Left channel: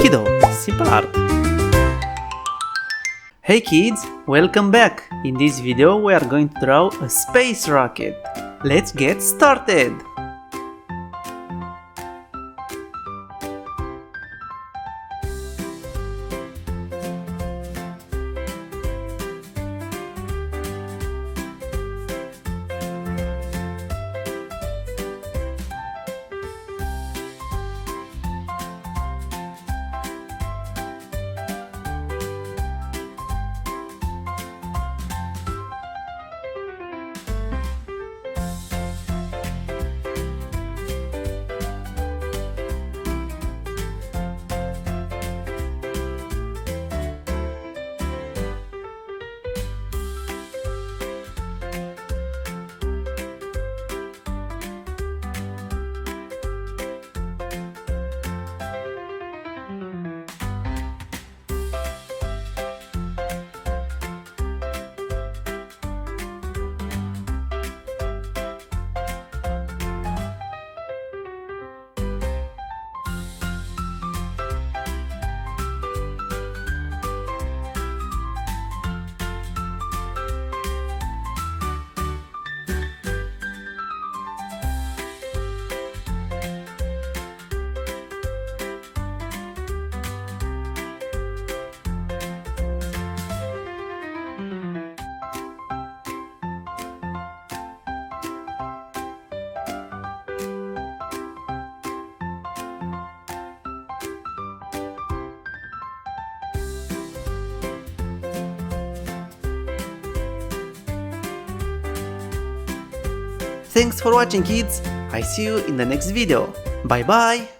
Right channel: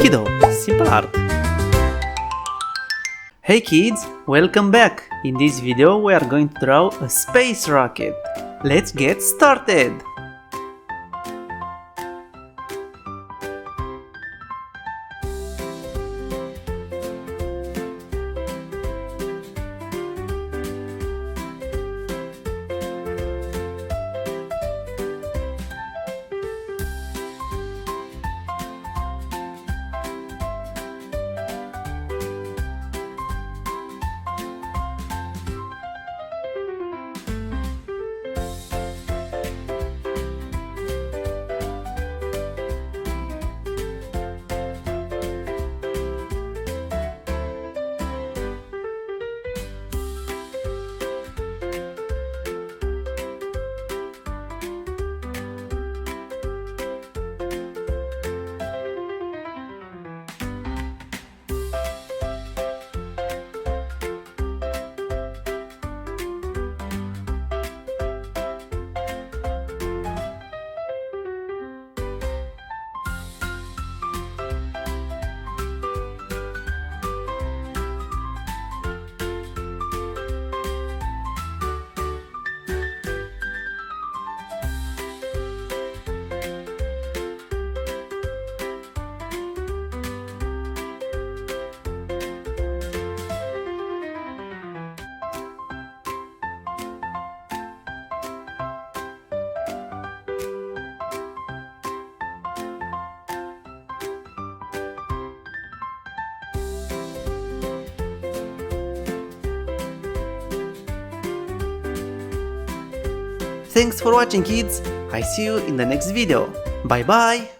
Kiddo, simple art. Hey kids, welcome back! In this video we are going to draw a space rocket. Let's get started! Thanks for watching, kids! I see you in the next video. Bye bye!